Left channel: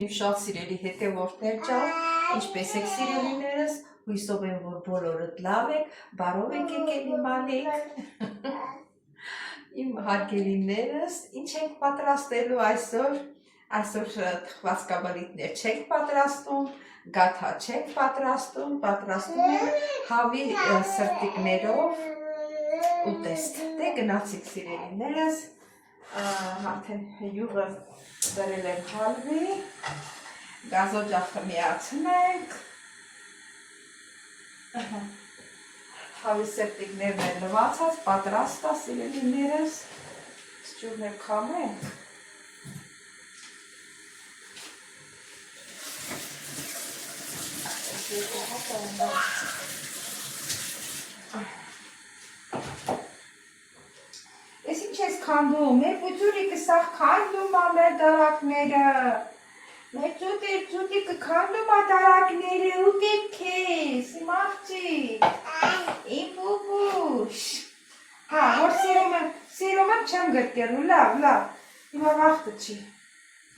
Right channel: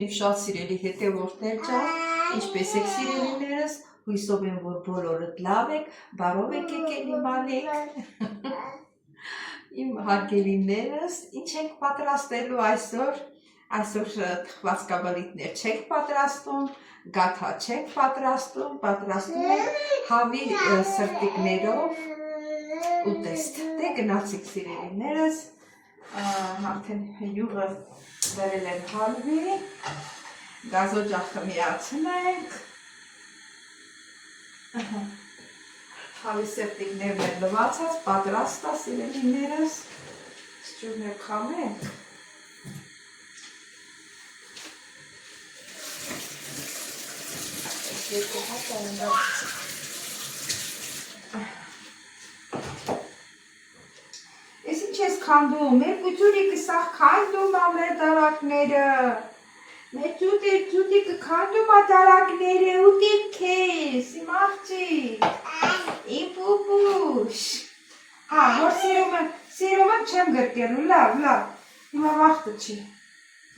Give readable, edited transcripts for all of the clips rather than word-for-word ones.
Շատ սիրելի հետևորդներ ջան, ինչպես եք սիրելիներս, հույսով եմ, որ բոլորդ լավ եք, բարով եք եկել իմանեք։ Իմ հարգելիներս, ինչ ենք պատրաստելու այսօր, այսօր թխվածքաբլիթներ չենք պատրաստում, գաթա չենք պատրաստում, պատրաստում ենք հավի սրտիկներով ուտեստ։ Դե գնացիք սիրելիներս, արդեն յուղը դրել են հալվի, գազօջախը միացնենք, հավի սրտիկներն են լվացած, պատրաստ է սիրելիներս, սճուրն է խամենք, երկու հատը են բացած։ Ես ինչ ես քանդում, մեր պուծուրիկը սաղ քանդում ա մեր դարակները, մեր ծուտիկը քանդում ա դարակները, ուտեք քեզ, իմ աղջիկ, իմ պուպուշ, որ սիրում եմ չեմ գրկելու, լավ, հիմա վաղթը չի,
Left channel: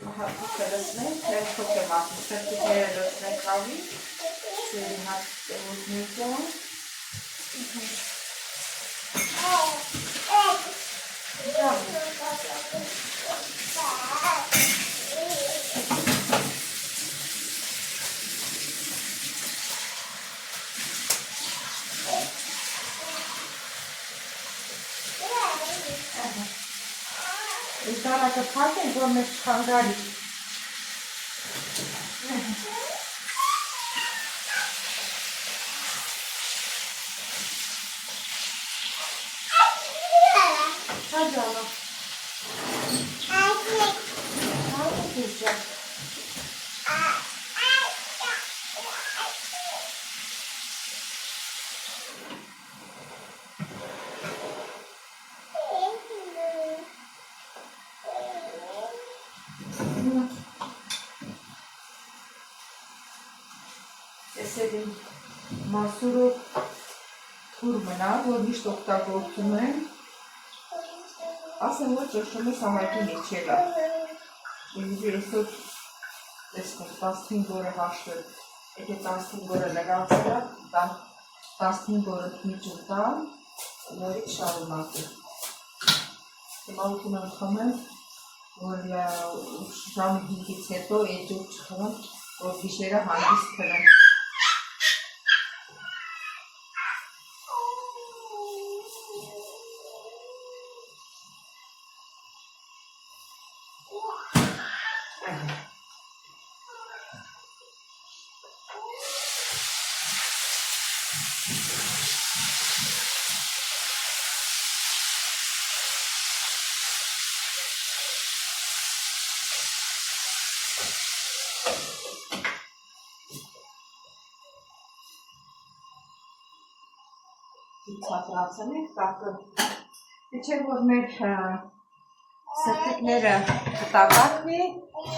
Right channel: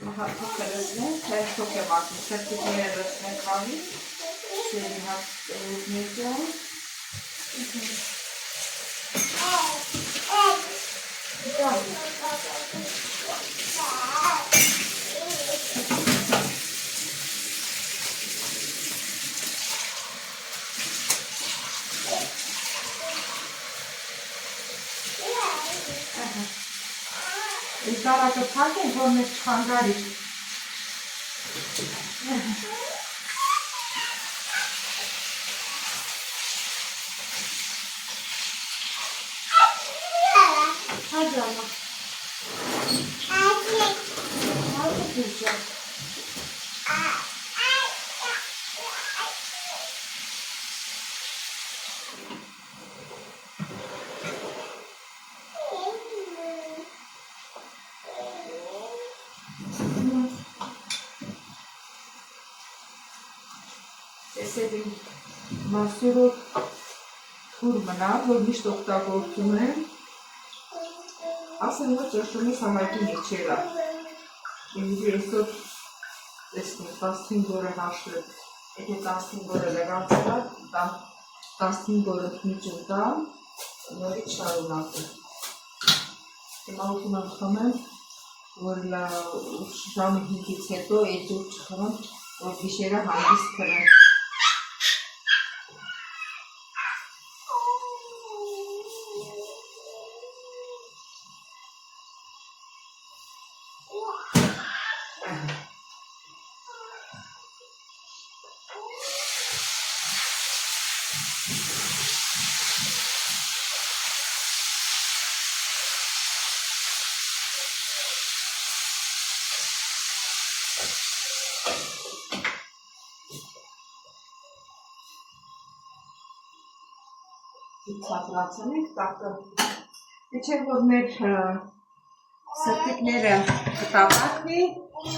փոքը լսնենք, փոք եմ ասում, սրտիկները լսնենք հավի, սերի հատ ուզնիկյոն, Դարակը փակ ենք, որ մեզ չխանգարի։ Հաջանա։ Տեսել մասուրը թուր մնա, որ միշտ օգտագործում են, ասեմ, որ ճոշում ես համայնքի միջելա, ինձի այսօր տեսնենք 15 օրը հաշվել, եթե 15 օրը լրացրա, 15 օրը միջում տամ, նորից շարունակում, հիմա ուտում եմ խմեմ, որ ժամի 5-ից հետո էջուր չխմեմ, որ գիշերը հանգիստ քրեմ։ Ցածրացնենք տակը, իչեր որ մեր սրտիկները կտապակվի,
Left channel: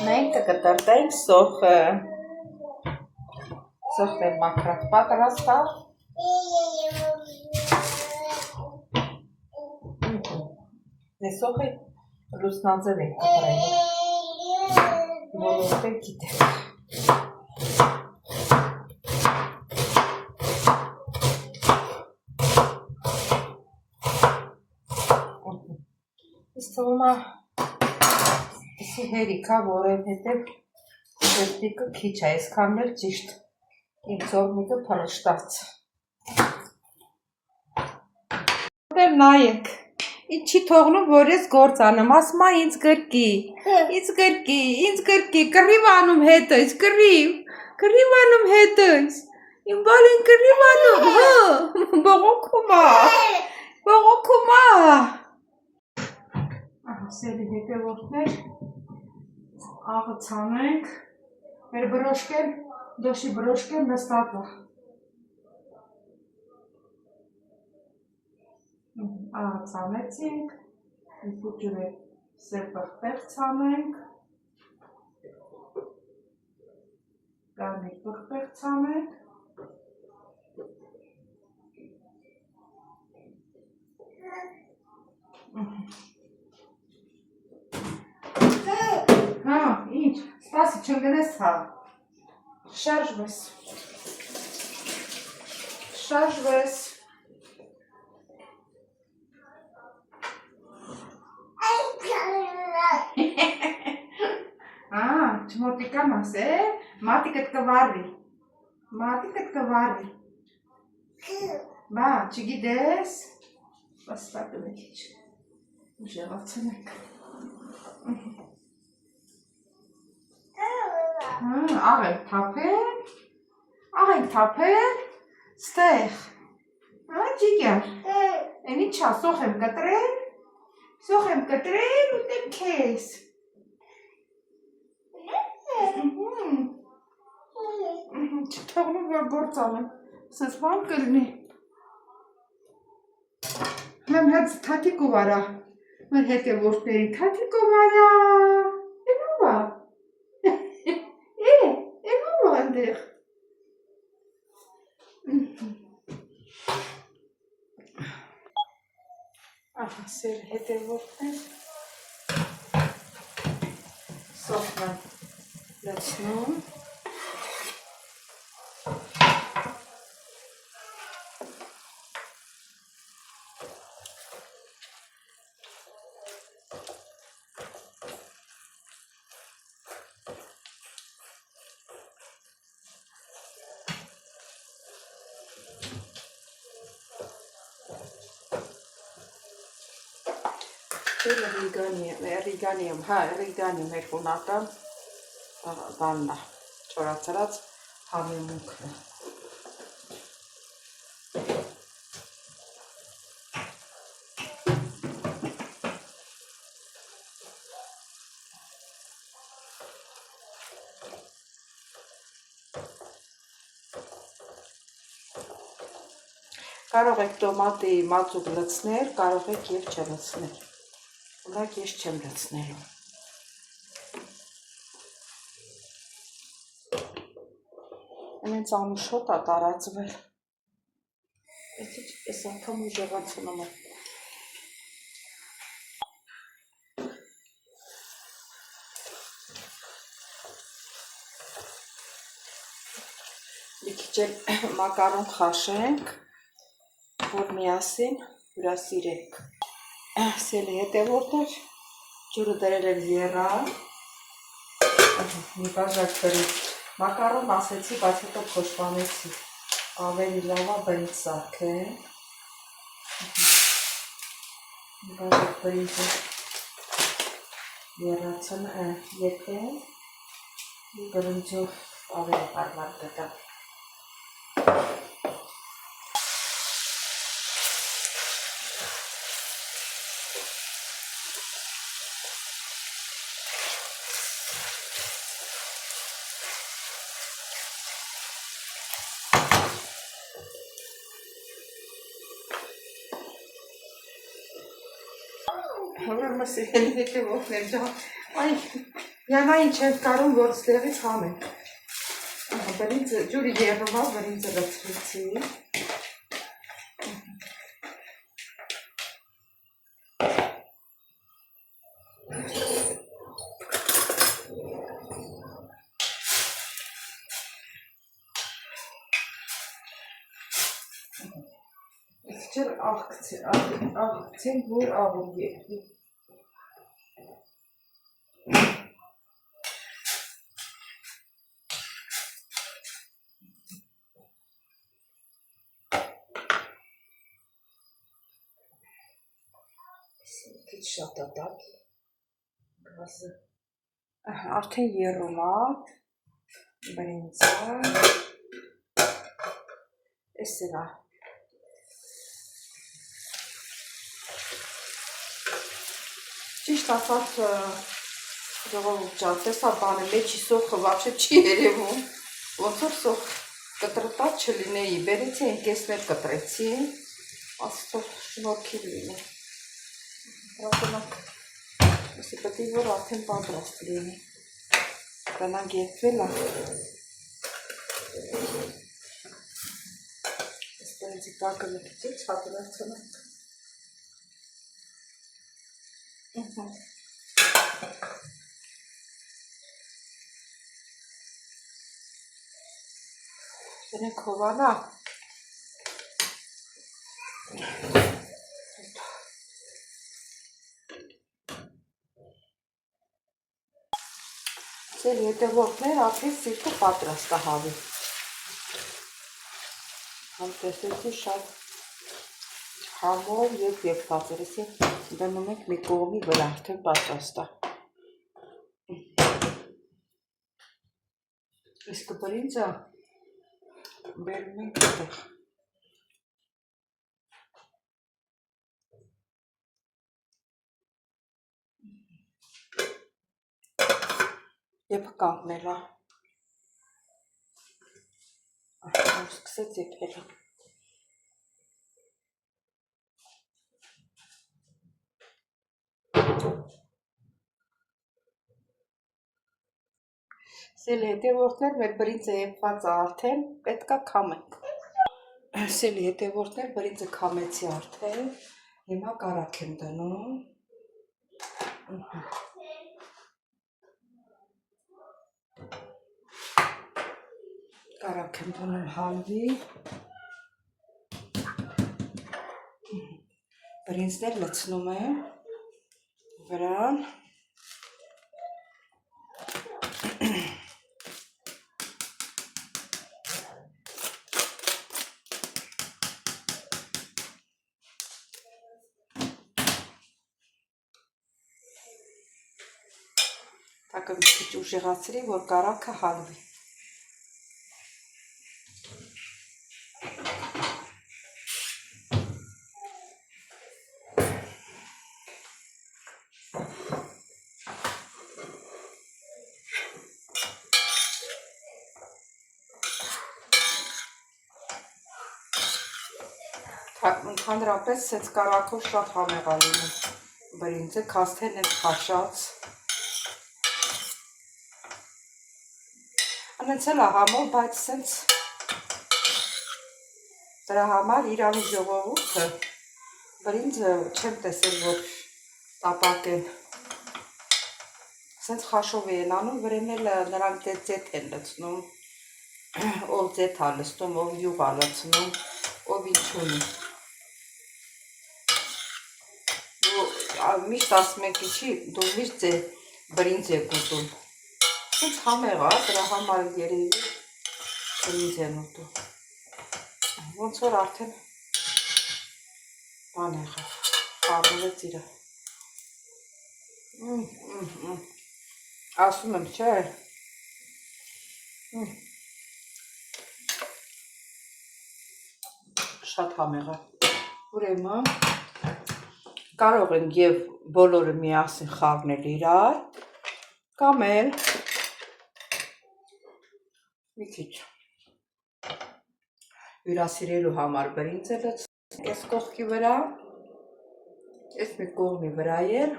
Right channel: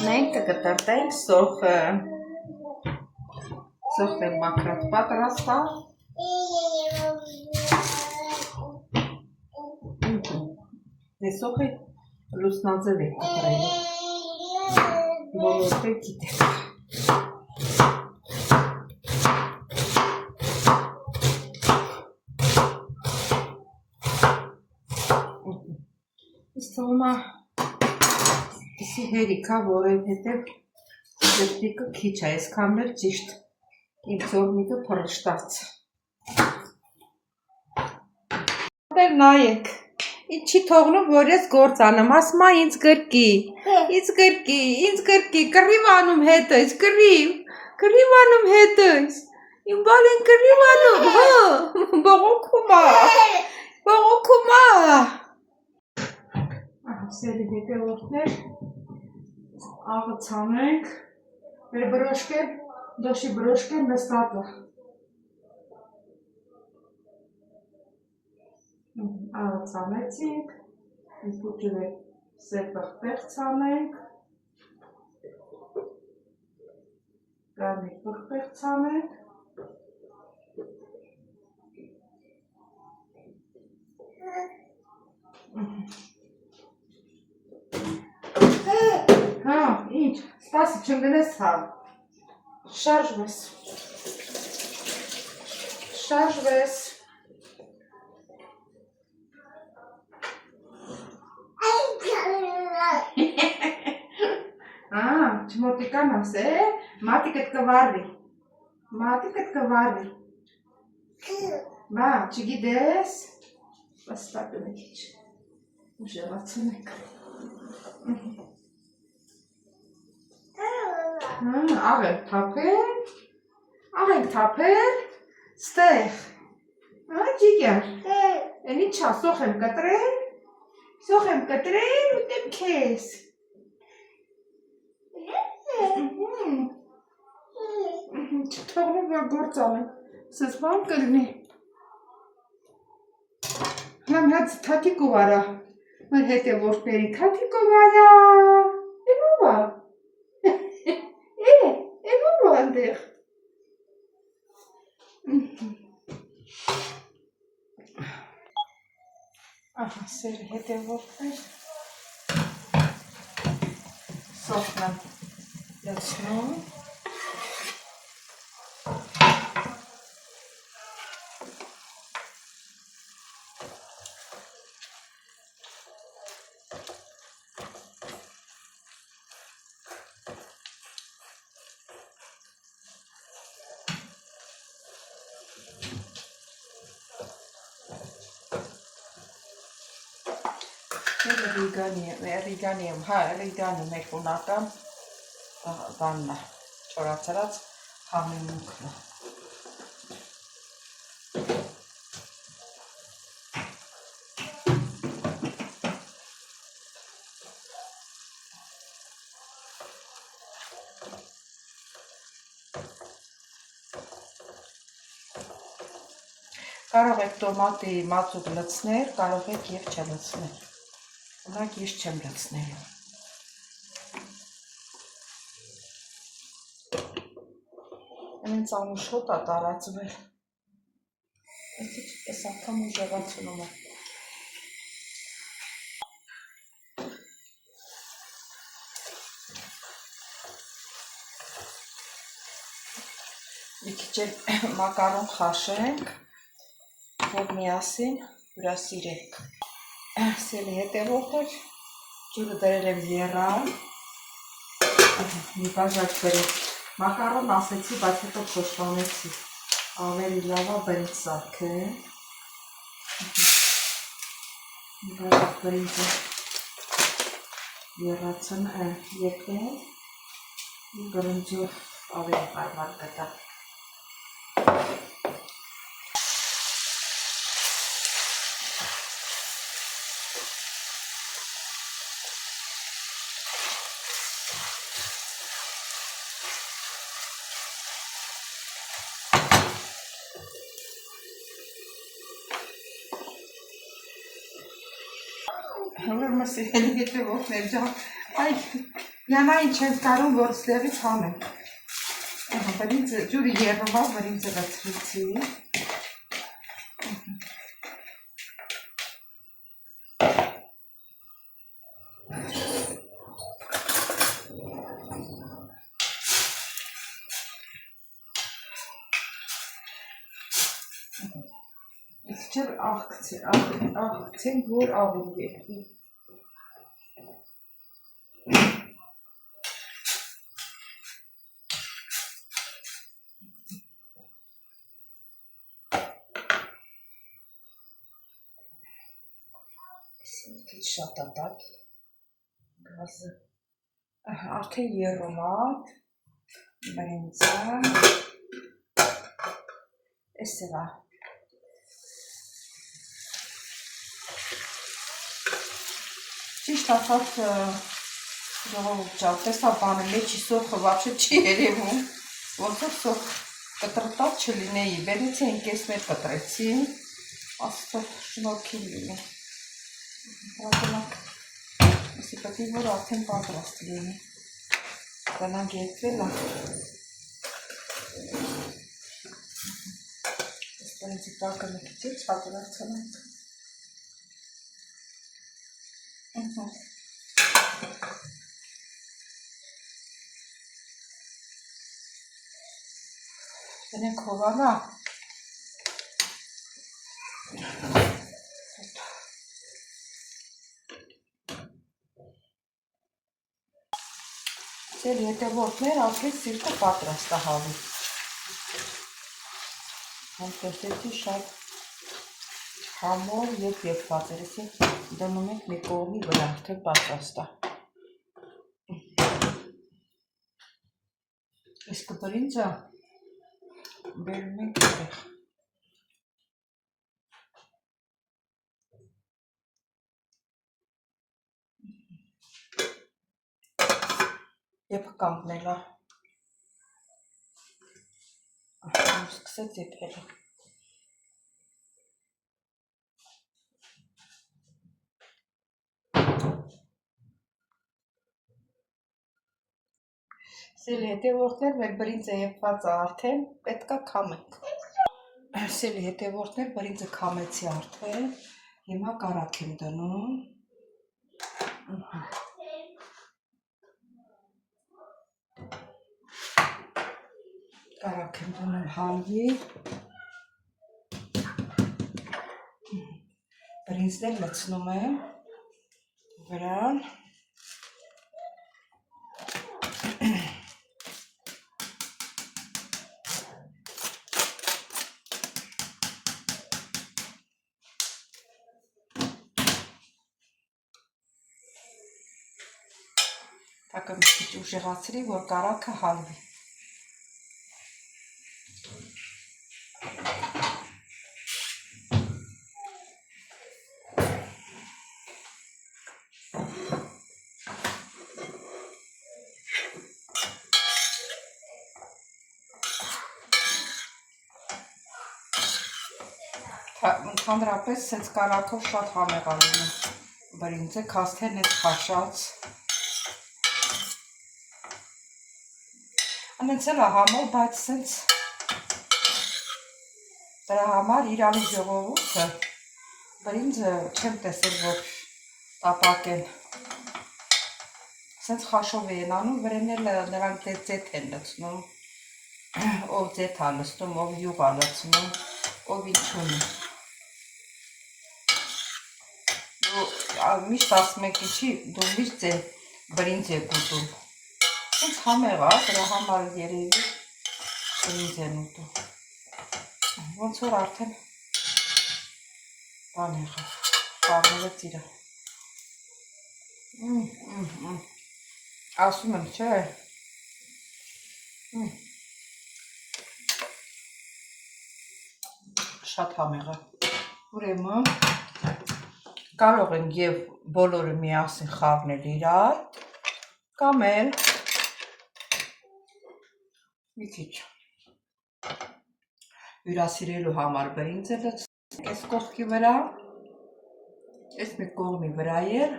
մենք կկտրտենք սոխը մաքրած պատրաստա, սոխը լուսնաձև եք կտրել, բոլորտեղ գիտեք։ Թվում է հերիքա, որովհետև սրտիկը քիչ է, այսքան էլ ճիշտ իմ ծորնիկը փռշտաց։ Դեր նայեք, ինչի թողնում, որ ես գործ անեմ, ասում է ինձ գրկի, կռիվ անում հետս, կռիվ անում հետս, իմ բալին կռիվ անում, բողոքում է, Սերի հետևորդներ, աղը ցանենք, մեր բրոշկեն, դոշի բրոշկեն նստած է։ Աղը ցանեցինք, պուճուրը սեպղտեղ ցանենք, կարմիր պղտեղ ցանենք, Ինչ, սպասի չեմ գնես հա։ Շարժվես։ Շարժվես։ Չմոտիկան ասե, մատիկդ կվարվի, մատիկդ կվարվի, բա, չգիտես, վաստակն է քիչ, ուժեղացուն եք, աղ ենք թապել, ստեղ, ջիգար, են իչա, սոխ եմ կտրել ուտեմ կեզ, չթողնում որ գործ անեմ, սես բան կլնի, հեմ հետ թաթիկով արա, մեր հետևորդների թաթիկով արա, էնով ա, էնով ա ընդեղ, ահա սեր հետևորդներ, սոխն եմ լցնում, Ռիգանի եմ, հա, ռիգանի մեր կունական բանն է, չորացրած համիմունքն է։ Կարող եք տոմատի մածուկ լցնել, կարող եք և չլցնել։ Ունակ ես չեմ լցնելու։ Ինձ անուշոտ է տարածվել։ Ես անգամ ուժեղացնում եմ։ Մի քիչ մակարոն խաշենք, որ միասին հյուրասիրենք։ Սելի հետևորդներ, ջուրը դրել եմ եռան, մի բաժակ բրի, մակարոն ասեցի, բայց հետո փոշմանեցի, ավելի լավա բրի սարքեմ, մի բաժակ բրիզը եռացն եկեմ, մի բրնջով ավելի հարմար գտա։ Հորմը սիրելի հետևորդներ ջան, այ յանային չենք կարում, որ ստեղից համենք։ Բրինձը ջուրը եղվա, բրինձը լցրեցի։ Չեր աղքցեն, որ աղում եղվի։ Քիչ շատ է տաք, գազը, արդեն եռում է, բրինձը, էսև է։ Ճիշտ ասած ժողովուրդ ջան, տեսա բանը մեջի սոխը վաչը չի երևում, ոնց որ սոխ կտրտած չլինեի, բերեցի ընկեսներ կտրեցի, աստղ շնորհքի լինի։ Հրապնակ, ասի պետք է որ արդեն պատրաստ լինի, գնանք երկվել է, ես բանցի տակը մի քիչ հատունակցնենք։ Գնենք հովանա։ Ձեր հետևորդներ արդեն սիրտը պատրաստ է հավի։ Համտեսեցի շատ համով և երկված էր, ես դնում ենք մի կողմի վրա արդեն պատրաստ է։ Իսկ բրինձը բերում ենք այդտեղ։ Եվ կանգնել է։ Սկսեց եփել։ Սիրելի հետևորդներ, մեր բրինձը եփված է արդեն, պետք է քամենք։ Սիրելի հետևորդներ, բրինձը քամեցի արդեն, հիմա կարագ եմ դնում։ Կարագ եմ դնում հալվի։ Բրինձներ լցնում եմ վրան։ Տակը մի քիչ ուժեղացրի, որ կարագը հալվի։ Ընդհանրապես սենց կարագով շատ համեղ է լինում բրինձը, քաստեն էս քաշած։ Անենց էլ է համով, բայց սենց դրա համար իրանի ժողովուրդը բրինձը չեմ տեսել, որ տապակեն։ Սենց խաշով են անում, վրեն էլ նրանք ձեթ են լցնում, ով ձեթ է լցնում, ով յուղ է լցնում, ով ինչ ունի։ Միշտ ասում եք ինչի, դու միշտ բրինձ եք ուտում։ Սենց համեղ է, դրա համար երևի բրինձ են ուտում։ Ոնց որ արդեն բան եղավ, խառնվեց իրը։ Ասում եմ, չէ։ Շատ համեղ է։ Ուրեմն կարող են և բոլորը միասին խառնել իրար, կամ էլ մի քիչ հյուրասիրելու համար բրինձը լցնենք այս կողքի վրա, այս մի կողմի վրա էլ։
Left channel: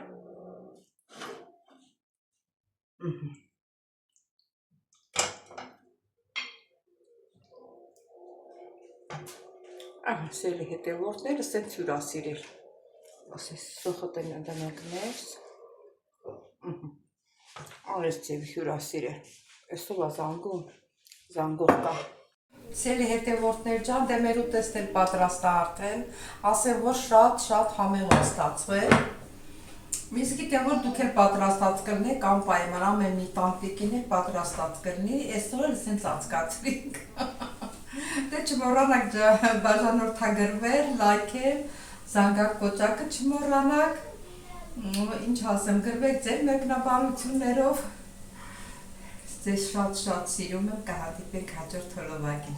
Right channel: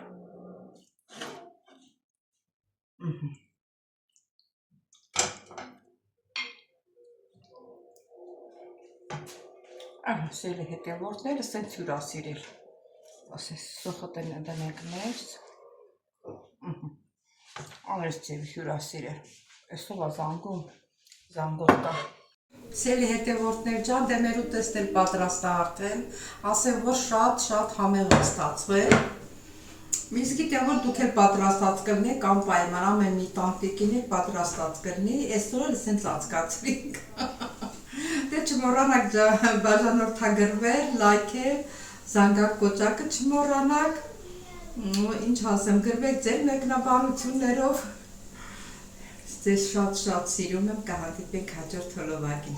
Սիրելի հետևորդները սենց հյուրասիրել։ Ասես սոխոտ են դնենք ներս։ Այս ձև հյուրասիրել։ Այսով է զանգում, զանգող կա։ Սիրելի հետևորդներ ջան, դե մեր ուտեստն էլ պատրաստ է արդեն, ասեմ, որ շատ համեղ է ստացվել։ Միս գիտեմ, որ դուք էլ պատրաստած կլինեք, անպայման ամեն մի տանտիկին էլ պատրաստած կլինի, այսօր էլ սենց անցկացրինք։ Դե չմոռանաք բաժանորդագրվել, լայքել, զանգակ կոճակը չմոռանաք, ինչ ասեմ, գրվեք ձեր մեկնաբանություններով, ձեզ շատ սիրում եմ, կհանդիպենք հաջորդ հոլովակին։